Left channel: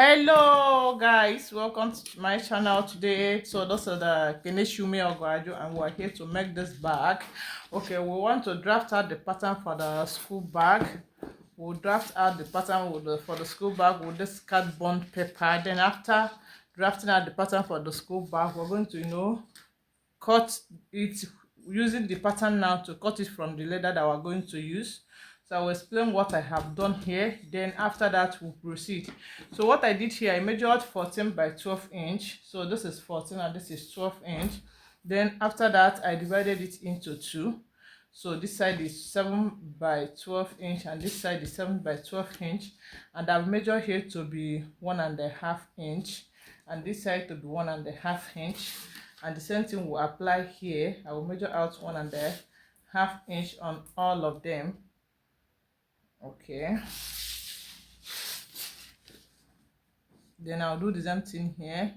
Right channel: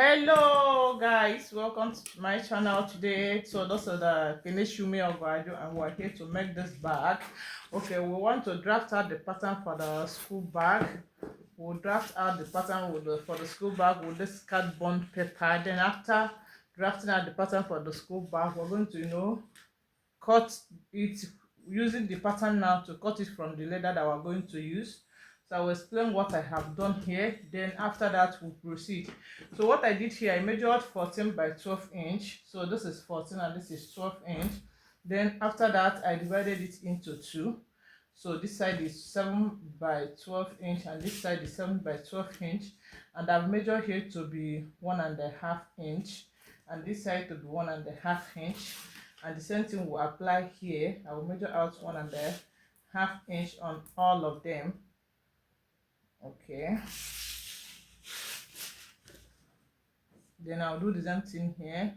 Hello guys, welcome to my channel today. So this is the Keneshumi Ogwaju and we're here to make this bag. Okay, we want to draft out the pattern for the school bag. We'll draft out the pattern for the school bag with this cardboard paper. Then after drafting out the pattern for the school bag, we're going to cut it using the pattern now to cut it from the leather that we're going to use. So I will explain what I have done here, then after that we'll proceed. So what I did here, I measured 14 by 12 inch. So this is 14 and this is 12 inch. Then after that I divided it into two. So this side is 7 by 12 inch and this side is 7 by 12 inch, and I've measured here to be 1.5 inch and this side to be 1.5 inch, and the same thing will apply here. I will measure out 1.5 inch on all of them. Okay, then I'll do the same thing here.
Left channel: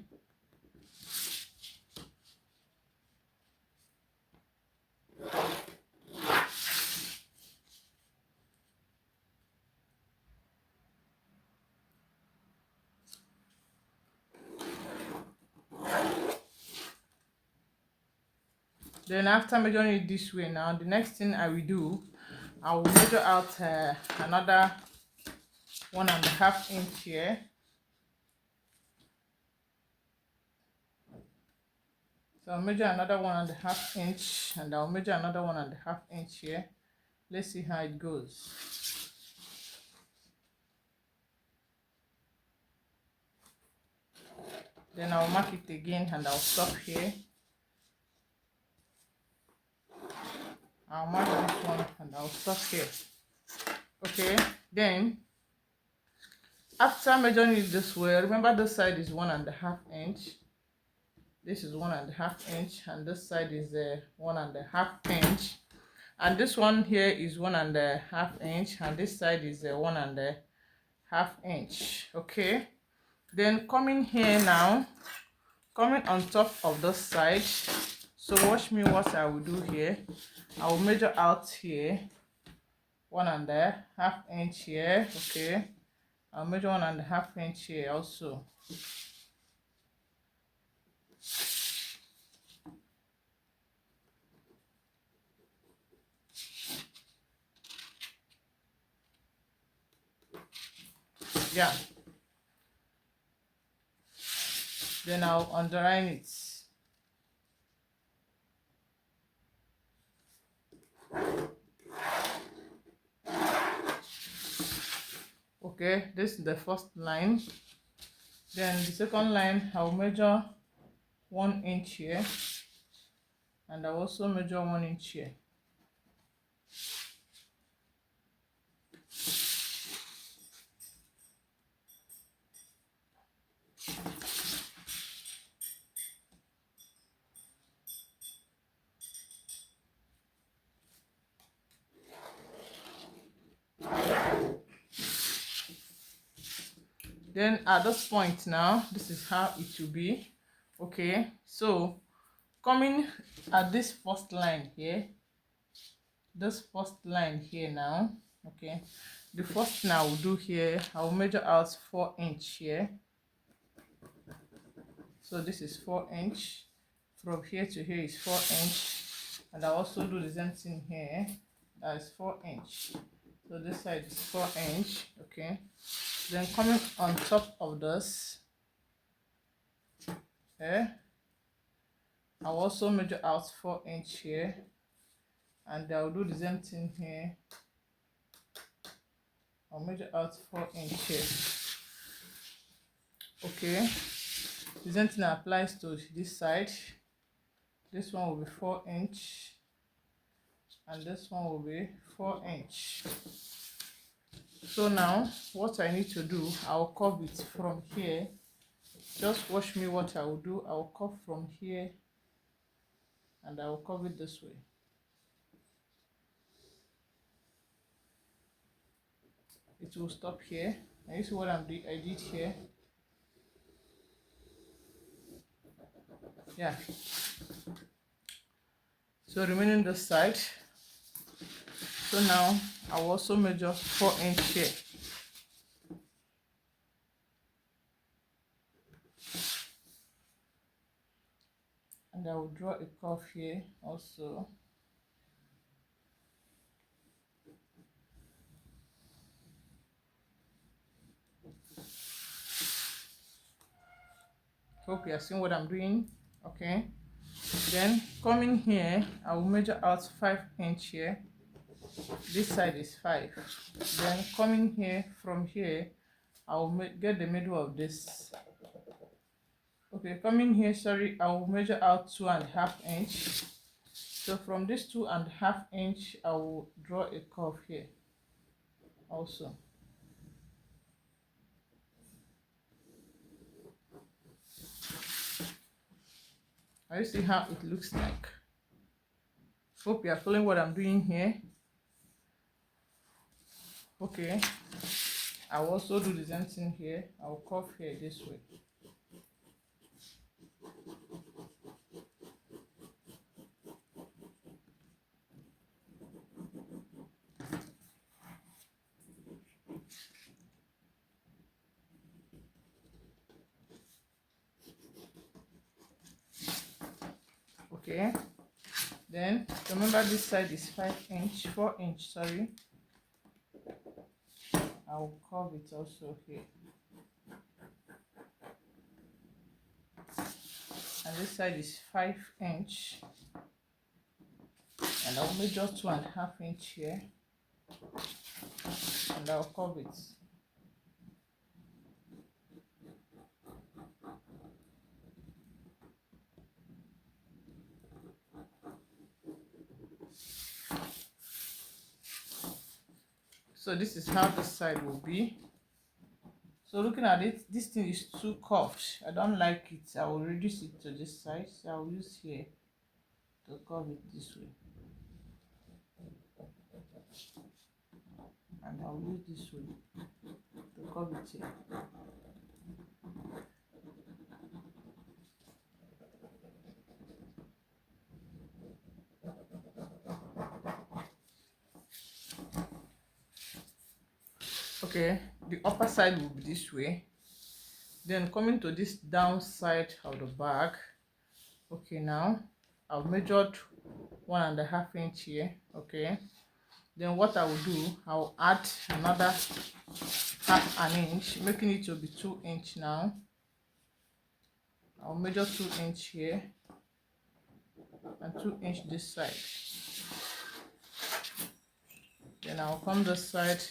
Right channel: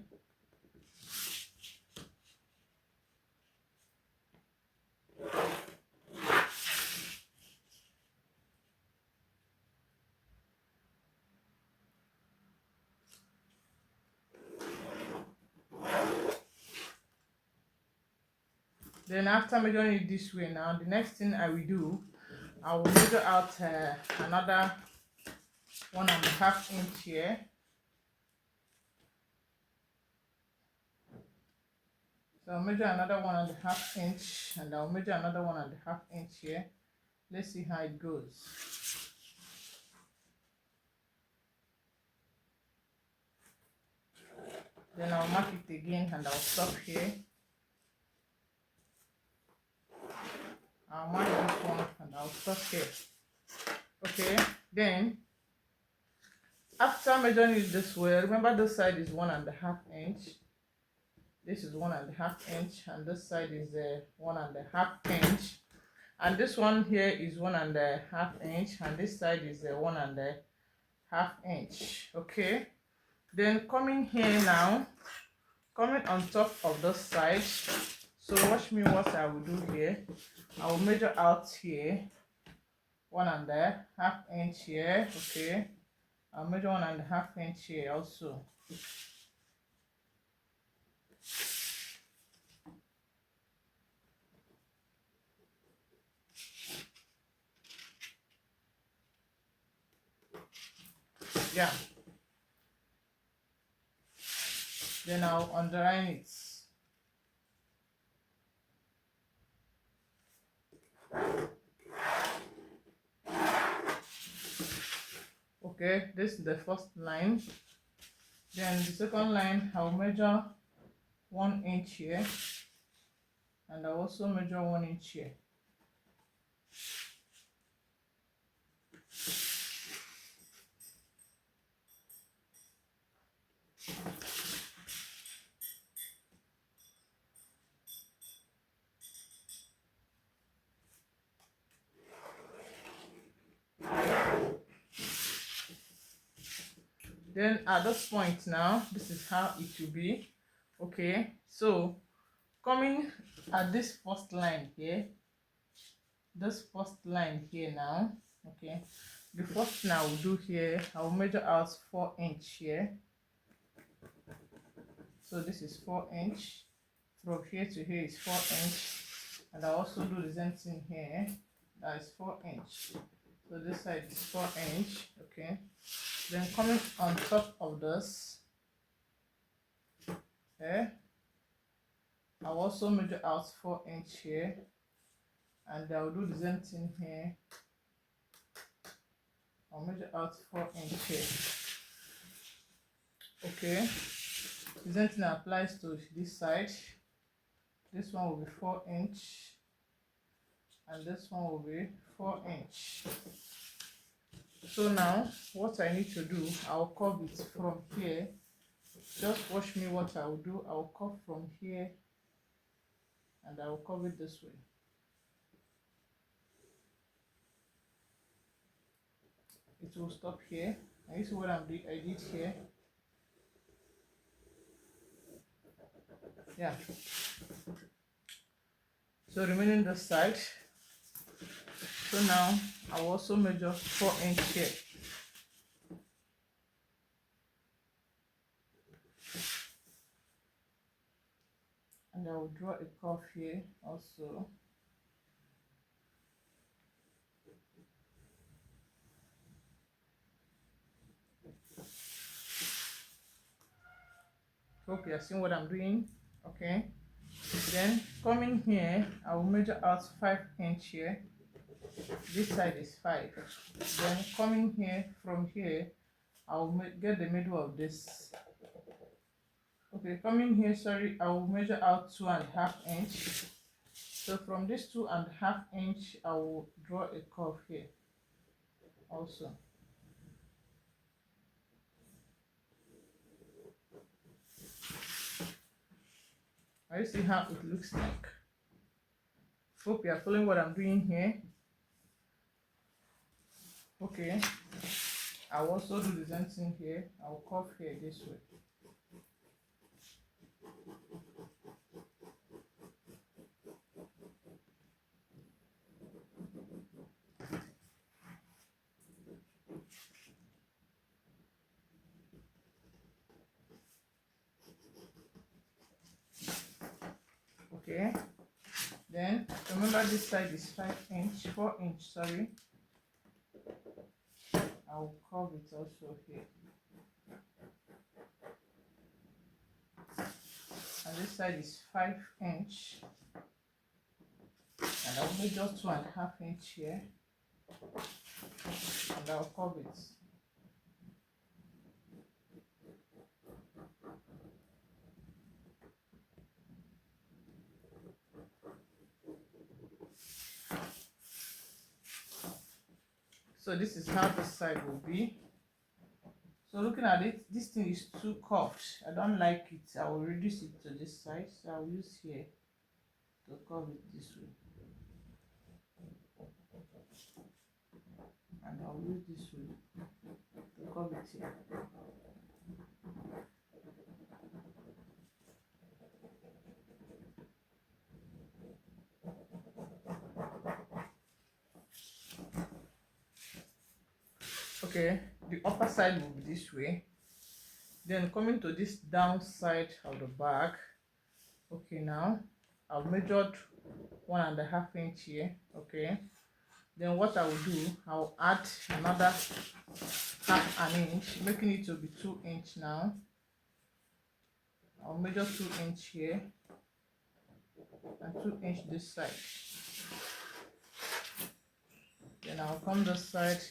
Then after measuring it this way, now the next thing I will do, I will measure out another 1.5 inch here. So I'll measure another 1.5 inch and I'll measure another 1.5 inch here. Let's see how it goes. Then I'll mark it again and I'll stop here. I'll mark this one and I'll stop here. Okay, then after measuring it this way, remember this side is 1.5 inch. This is 1.5 inch and this side is 1.5 inch. And this one here is 1.5 inch and this side is 1.5 inch. Okay, then coming here now, coming on top of this side. So watch me what I will do here. I will measure out here 1.5 inch here. Okay, I'll measure 1.5 inch here also. Yeah, then I'll underline it. Okay, this is the first line. Then the second line, I'll measure 1 inch here and I'll also measure 1 inch here. Then at this point now, this is how it will be. Okay, so coming at this first line here, this first line here now. Okay, the first thing I will do here, I will measure out 4 inch here. So this is 4 inch. From here to here is 4 inch, and I also do the same thing here. That is 4 inch. So this side is 4 inch. Okay, then coming on top of this, I'll also measure out 4 inch here, and I'll do the same thing here. I'll measure out 4 inch here. Okay, the same thing applies to this side. This one will be 4 inch and this one will be 4 inch. So now what I need to do, I'll curve it from here. Just watch me what I will do. I'll curve from here and I will curve it this way. It will stop here. And you see what I did here. Yeah, so remaining this side. So now I'll also measure 4 inch here. and I will draw a curve here also. Hope you are seeing what I'm doing. Okay, then coming here, I will measure out 5 inch here. This side is 5. Then coming here, from here I will get the middle of this. Okay, coming here, sorry, I will measure out 2.5 inch. So from this 2.5 inch, I will draw a curve here also. Are you see how it looks like? Hope you are following what I'm doing here. Okay, I will also do the same thing here. I will curve here this way. Okay, then remember this side is 5 inch, 4 inch, sorry. I will curve it also here. And this side is 5 inch, and I'll measure 2.5 inch here, and I'll curve it. So this is how this side will be. So looking at it, this thing is too curved. I don't like it. I will reduce it to this side. So I'll use here to curve it this way. And I'll use this way to curve it here. Okay, the upper side will be this way. Then coming to this down side of the back. Okay, now I've measured 1.5 inch here. Okay, then what I will do, I'll add another 1/2 inch, making it to be 2 inch now. I'll measure 2 inch here and 2 inch this side. Then I'll come this side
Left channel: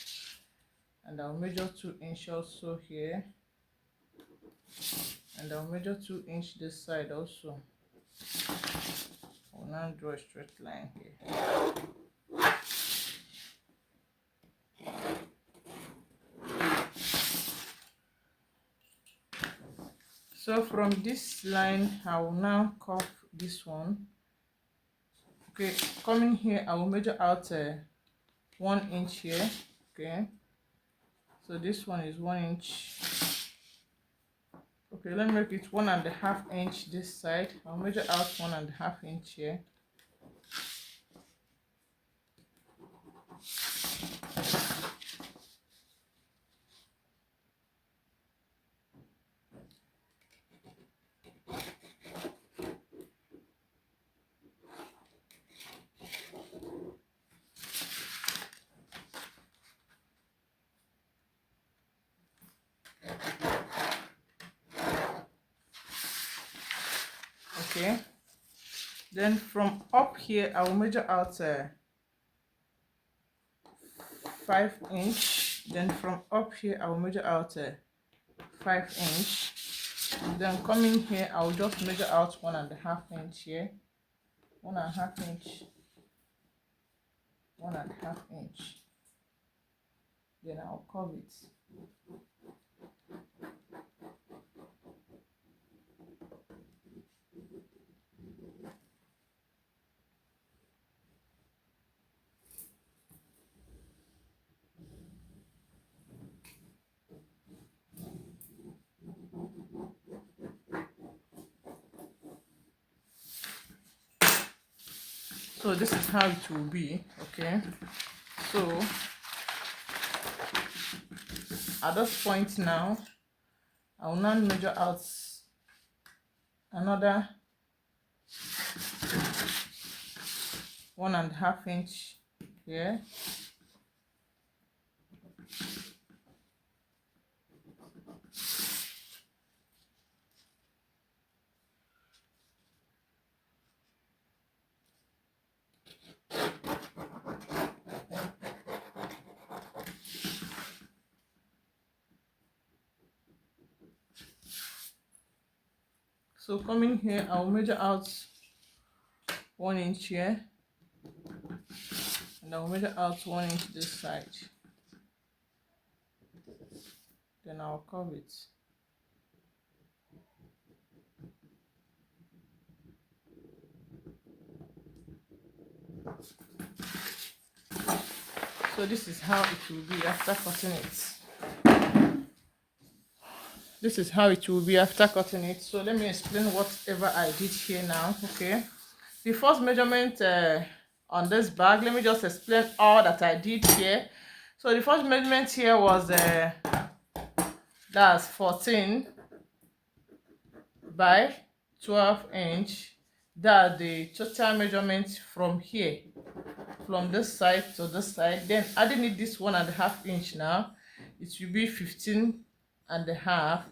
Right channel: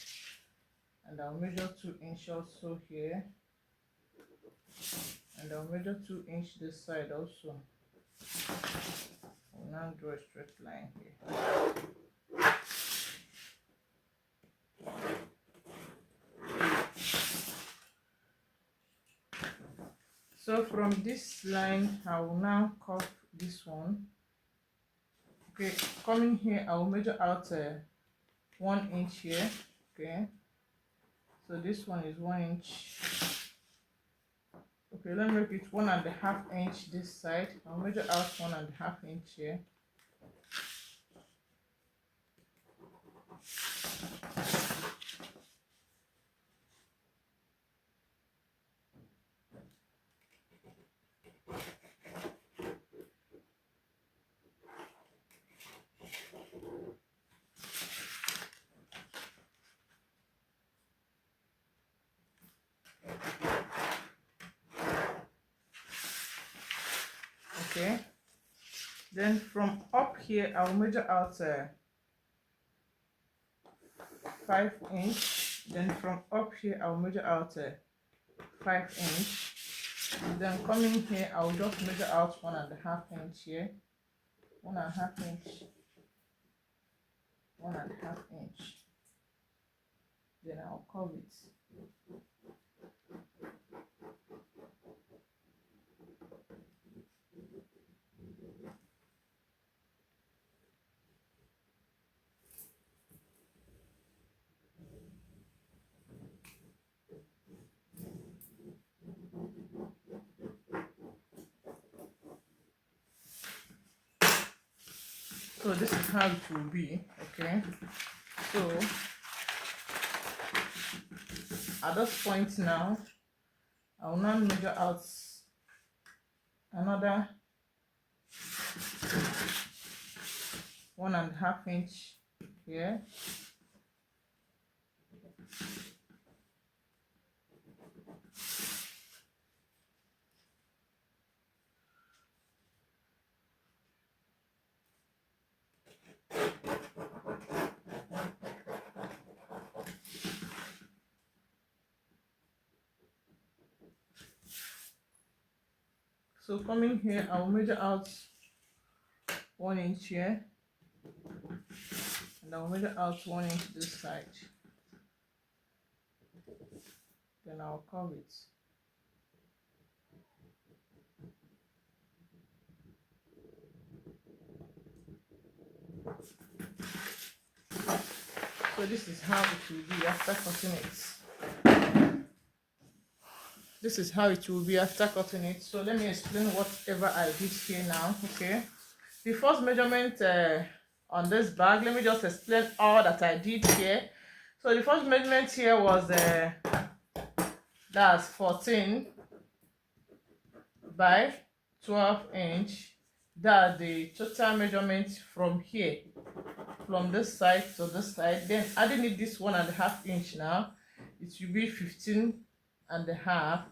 and I'll measure 2 inch also here, and I'll measure 2 inch this side also. I'll now draw a straight line here. So from this line, I will now curve this one. Okay, coming here, I will measure out 1 inch here. Okay, so this one is 1 inch. Okay, let me make it 1.5 inch this side. I'll measure out 1.5 inch here. Okay, then from up here I will measure out 5 inch. Then from up here I will measure out 5 inch. Then coming here I will just measure out 1.5 inch here. 1.5 inch, 1.5 inch. Then I'll curve it. So this is how it will be. Okay, so at this point now I will now measure out another 1.5 inch here. So coming here, I'll measure out 1 inch here, and I'll measure out 1 inch this side. Then I'll curve it. So this is how it will be after cutting it. This is how it will be after cutting it. So let me explain whatever I did here now. Okay, the first measurement on this bag, let me just explain all that I did here. So the first measurement here was that's 14 by 12 inch. That's the total measurement from here, from this side to this side. Then adding it this 1.5 inch now, it will be 15.5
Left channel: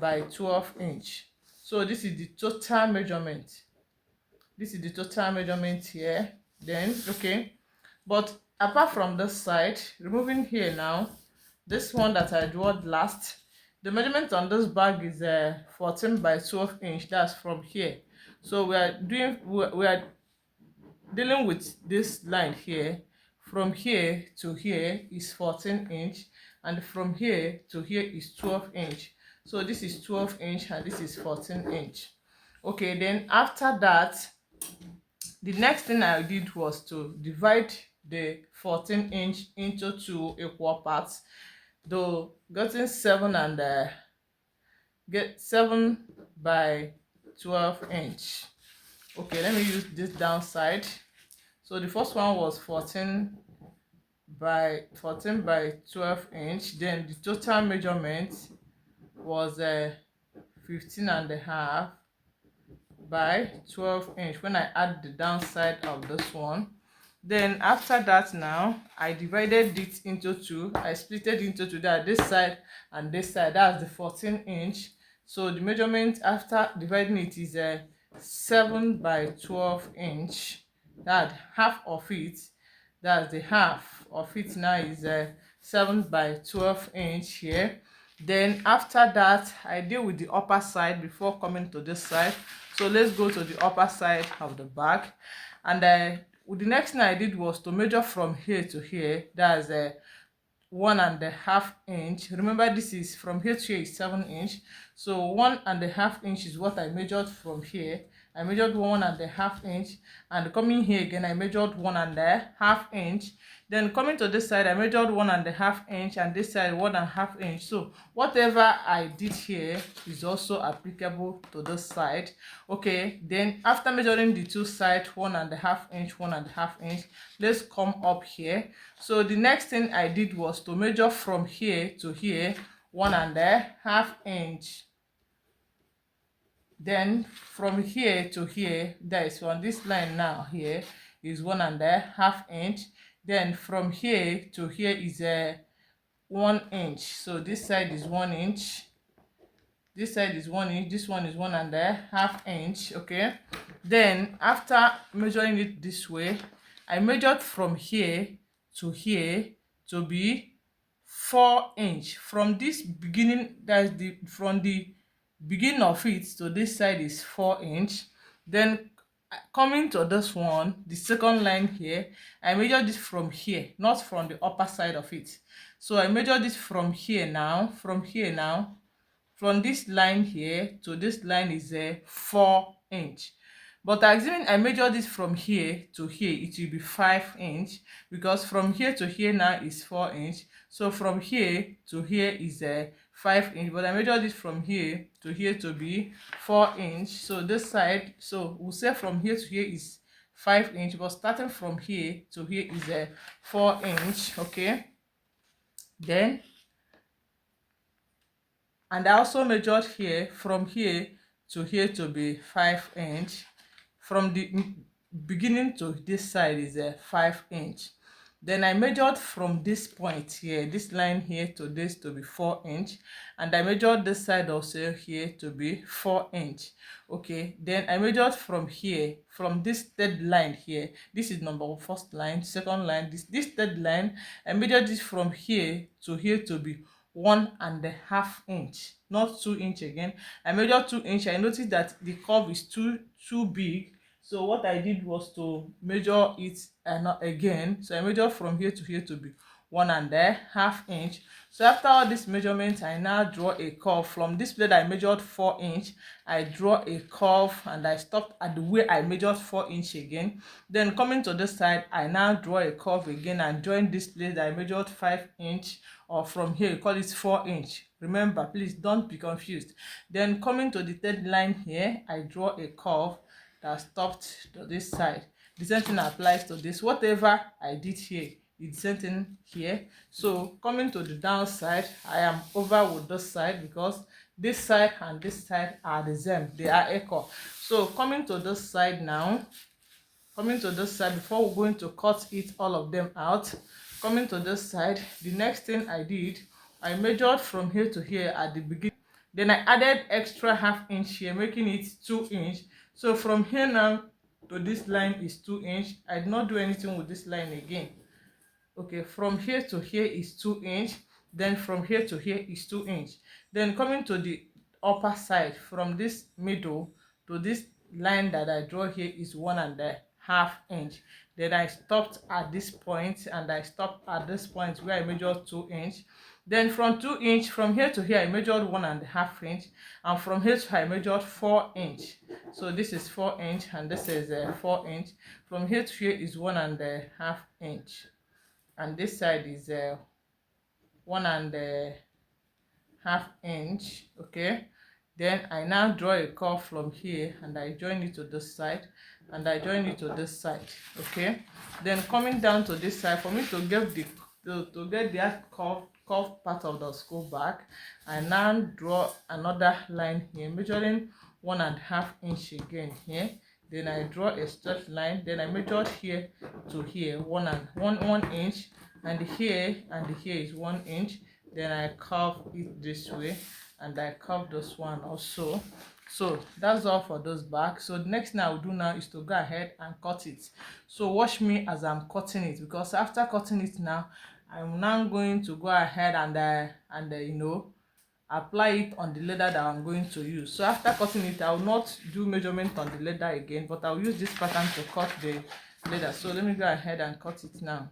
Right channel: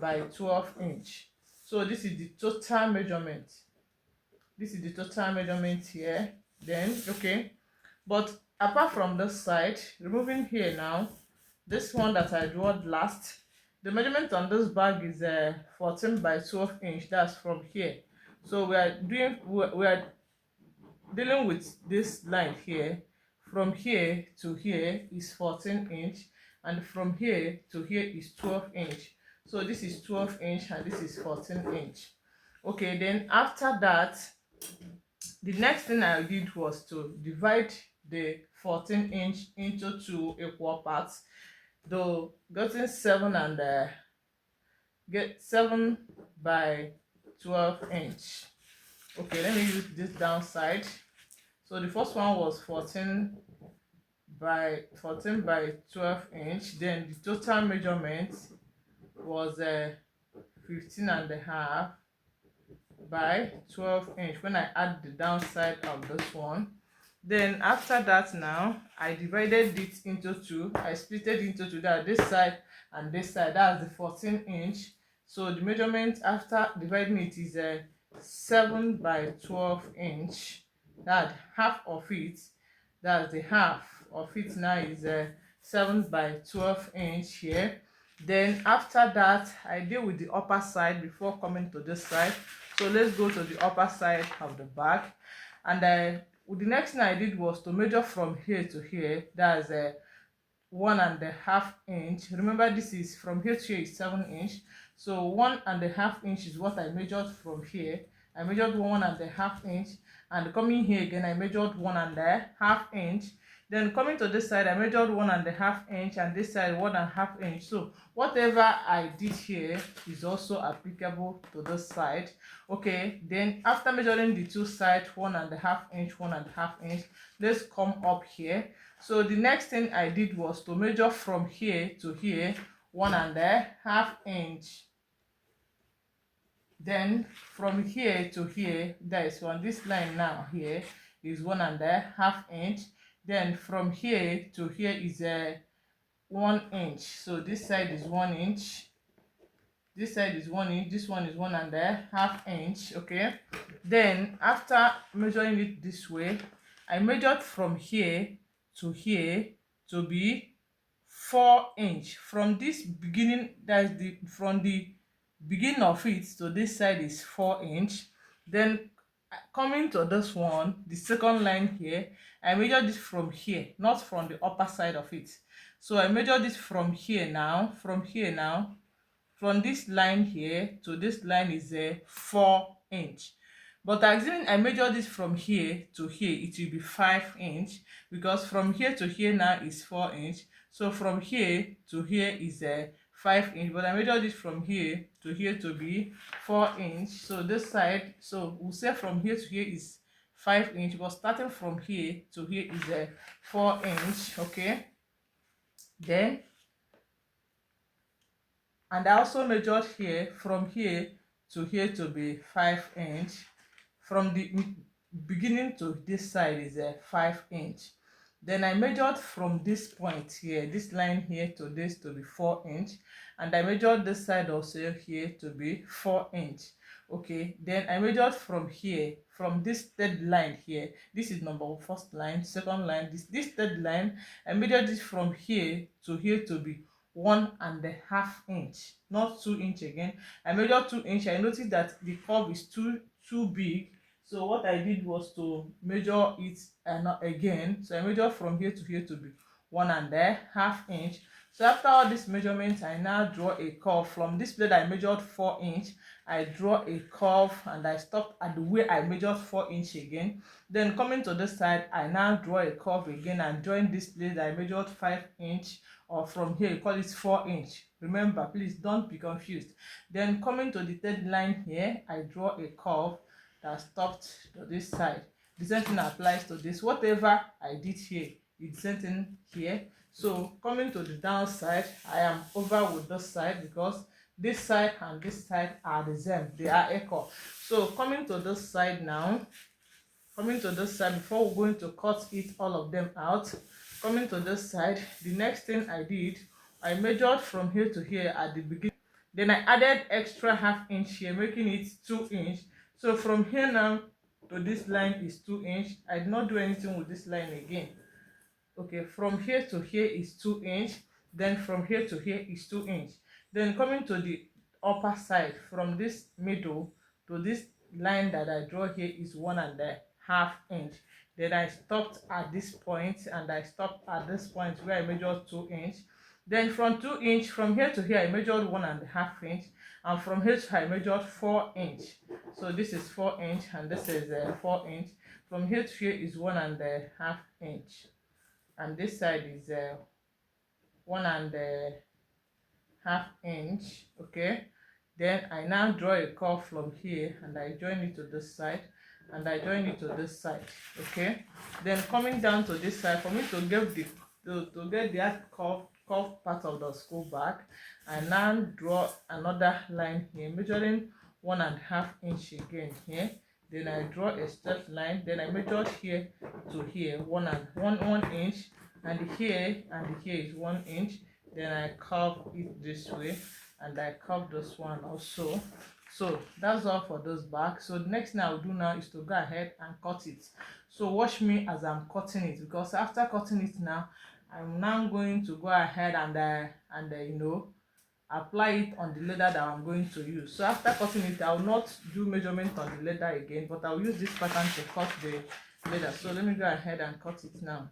by 12 inch. So this is the total measurement. This is the total measurement here. Then okay, but apart from this side, removing here now, this one that I drew last, the measurement on this bag is 14 by 12 inch. That's from here. So we are dealing with this line here. From here to here is 14 inch, and from here to here is 12 inch. So this is 12 inch and this is 14 inch. Okay, then after that, the next thing I did was to divide the 14 inch into 2 equal parts, though getting 7 by 12 inch. Okay, let me use this downside. So the first one was 14 by 12 inch. Then the total measurement was 15.5 by 12 inch when I add the downside of this one. Then after that, now I divided it into 2. I split it into 2, that this side and this side. That's the 14 inch. So the measurement after dividing it is 7 by 12 inch. That half of it, that's the half of it now, is 7 by 12 inch here. Then after that, I deal with the upper side before coming to this side. So let's go to the upper side of the bag. And the next thing I did was to measure from here to here. That's 1.5 inch. Remember, this is from here to here is 7 inch. So 1.5 inch is what I measured from here. I measured 1.5 inch, and coming here again, I measured 1.5 inch. Then coming to this side, I measured 1.5 inch, and this side 1.5 inch. So whatever I did here is also applicable to this side. Okay, then after measuring the two sides, 1.5 inch, 1.5 inch, let's come up here. So the next thing I did was to measure from here to here 1.5 inch. Then from here to here, that is on this line now, here is 1.5 inch. Then from here to here is 1 inch. So this side is 1 inch, this side is 1 inch, this one is 1.5 inch. Okay, then after measuring it this way, I measured from here to here to be 4 inch. From this beginning, that's the from the beginning of it to this side is 4 inch. Then coming to this one, the second line here, I measured this from here, not from the upper side of it. So I measured this from here now, from this line here to this line is 4 inch. But assuming I measure this from here to here, it will be 5 inch, because from here to here now is 4 inch. So from here to here is 5 inch, but I measure this from here to here to be 4 inch. So this side, so we'll say from here to here is 5 inch, but starting from here to here is 4 inch. Okay, then, and I also measured here from here to here to be 5 inch. From the beginning to this side is a 5 inch. Then I measured from this point here, this line here to this to be 4 inch, and I measured this side also here to be 4 inch. Okay, then I measured from here, from this third line here. This is number first line, second line, this third line. I measured this from here to be 1.5 inch, not 2 inch again. I measured 2 inch. I noticed that the curve is too big, so what I did was to measure it again. So I measured from here to be 1.5 inch. So after all this measurement, I now draw a curve. From this place I measured 4 inch, I draw a curve and I stopped at the way I measured 4 inch again. Then coming to this side, I now draw a curve again and join this place that I measured 5 inch, or from here you call it 4 inch. Remember, please don't be confused. Then coming to the third line here, I draw a curve that stopped to this side. The same thing applies to this. Whatever I did here, it's the same thing here. So coming to the downside, I am over with this side because this side and this side are the same, they are equal. So coming to this side now, before we're going to cut it all of them out, coming to this side, the next thing I did, I measured from here to here at the beginning. Then I added extra 1/2 inch here, making it 2 inch. So from here now to this line is 2 inch. I did not do anything with this line again. Okay, from here to here is 2 inch. Then from here to here is 2 inch. Then coming to the upper side, from this middle to this line that I draw here is 1.5 inch. Then I stopped at this point, and I stopped at this point where I measured 2 inch. Then from 2 inch, from here to here I measured 1.5 inch, and from here to here I measured 4 inch. So this is 4 inch and this is 4 inch. From here to here is 1.5 inch, and this side is 1.5 inch. Okay, then I now draw a curve from here and I join it to this side, and I join it to this side. Okay, then coming down to this side, for me to get the curve part of the school bag, I now draw another line here measuring 1.5 inch again here. Then I draw a straight line. Then I measured here to here 1 inch, and here is 1 inch. Then I curve it this way, and I curve this one also. So that's all for those bags. So the next thing I will do now is to go ahead and cut it. So watch me as I'm cutting it, because after cutting it now, I'm now going to go ahead and apply it on the leather that I'm going to use. So after cutting it, I will not do measurement on the leather again, but I will use this pattern to cut the leather. So let me go ahead and cut it now.